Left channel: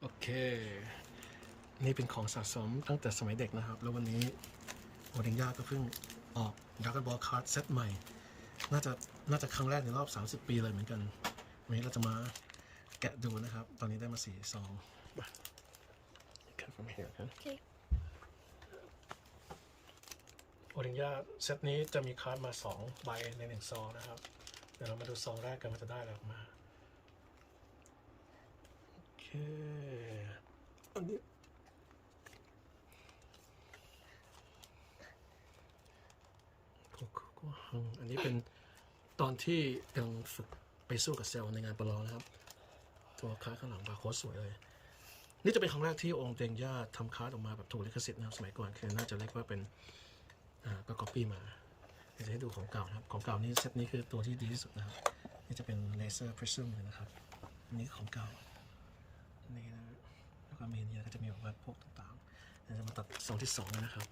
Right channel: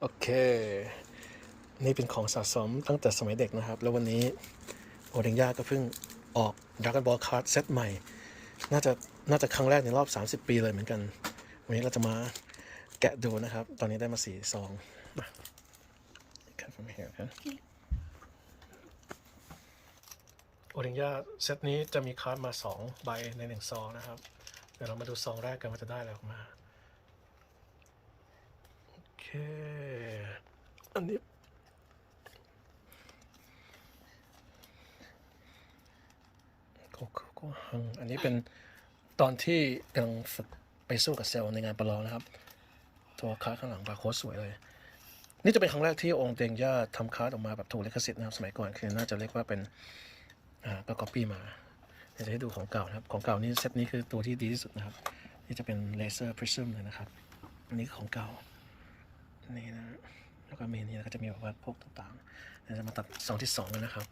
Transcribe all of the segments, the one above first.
โอเค นี่เป็นของสะสมตั้งแต่สมัยเด็กนะครับ แล้ววันนี้โอเดงย่าก็เพิ่งออก Dragon Ball Card เซตใหม่ น่าจะน่าจะครั้งแรกในรอบ 30 ปีเลยเหมือนกัน วันนี้เราจะมาแกะดูนะครับ ตอนนี้ได้มาสี่ซองมา cut from here ครับโอเดงย่าเซตนี้จะมีคาร์ดมา 2 ใบในหนึ่งซองนะครับ เดี๋ยวเรามาดูซองแรกกันว่าจะได้อะไรออกมา โอเค อันนี้โกโกโกฮัง อันนี้เป็นตอนที่กำลังฝึกไปสู้กับเซลล์ในงานประลองนะครับ ตัวคาร์ข้างหลังบาร์โค้ดสวยเลย นี่จะเป็นครั้งแรกที่องค์เตงย่าทำคาร์ดออกมาแบบถูกลิขสิทธิ์นะครับ สมัยก่อนคือน่าจะเรียกว่าเป็นอ่าก็ก๊อปปี้มาเดี๋ยวจะให้ดูของเก่านะครับ ของเก่านี่เซตนี้คือตัวที่ดีที่สุดนะครับ นี่จะเป็นเลเซอร์พริซึมเลยนะครับ อันนี้ของเก่า นี่นะ แล้วก็เมีนี่แล้วก็จะมีแบบว่าพวกต่างๆเดี๋ยวจะมาตัดซองที่สองกันนะครับ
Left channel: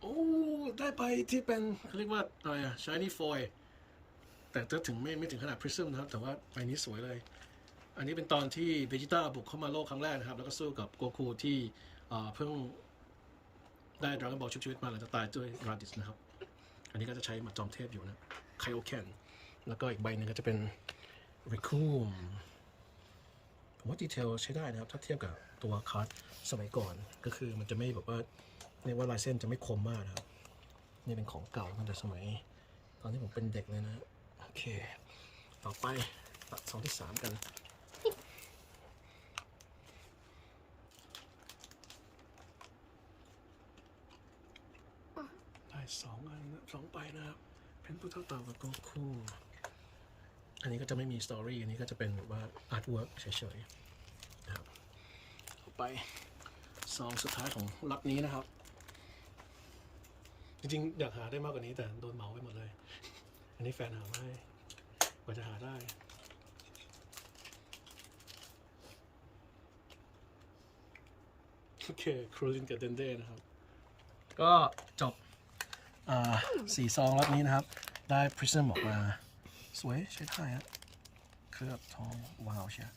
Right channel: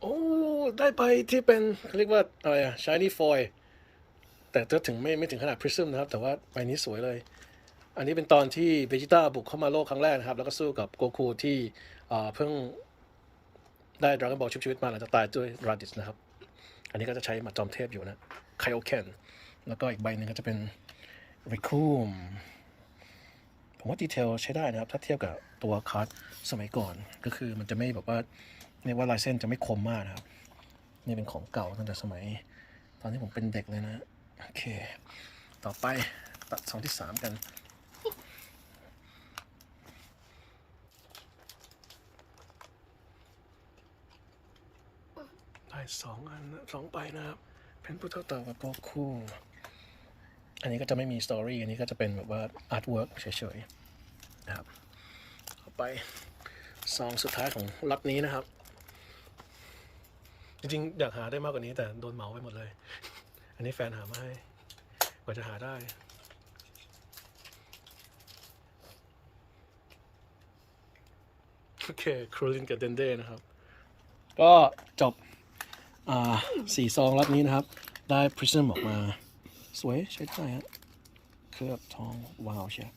โอ้ได้ไปที่เป็นเขาเรียกว่าอะไรอะ shiny foil แต่ก็ถึงไม่ไม่ถึงขนาด prism นะครับ แต่ว่าใบนี้สวยเลย อันนี้เป็นตอนที่เบจิต้าบุกเข้ามาโลกครั้งแรกนะครับ แล้วก็สู้กับโกคูที่เพิ่งได้ดราก้อนบอลชุบชีวิตมาหลังจากตายด้วยราดิสนะครับ อันนี้ก็จะใช้หมัดจอมเทพอยู่นะไคโอเคนแล้วก็อีกใบหนึ่งก็จะเป็นริคูมผมว่าดีเทลใช้ได้นะครับ ถ้าเทียบกับตัวคัสสมัยก่อน ก็คือมันจะไม่แบบว่าเรียกว่าลายเส้นจะไม่คมมากนะครับ นี่เป็นของเก่าตั้งแต่สมัย ตอนที่ผมเป็นเด็กเลยนะ โอเค ต่อไปตัดสองที่สามกัน สองอันสองใบนะครับ เป็นผู้เท่าต่อกับตัวคู่ อันนี้ก็จะไม่มีสตอรี่อันนี้ก็จะเป็นแบบว่าอาร์ตเวิร์กเฉยๆนะครับต่อไปซองสุดท้ายของล็อตนี้นะครับ จริงๆ อยากหาได้มากกว่านี้แต่โดนเหมาไปหมดเลย อันนี้แฟนหามาให้กว่าจะหาได้โอเคครูลินกับเดนเด้นะครับ ก็จบ สี่ซองล็อตนี้นะครับ ได้พริซึมออกมา สวยใช้ได้ฮะเคลือบทองว้าวเชียว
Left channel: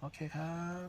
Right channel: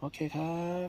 โอเคครับ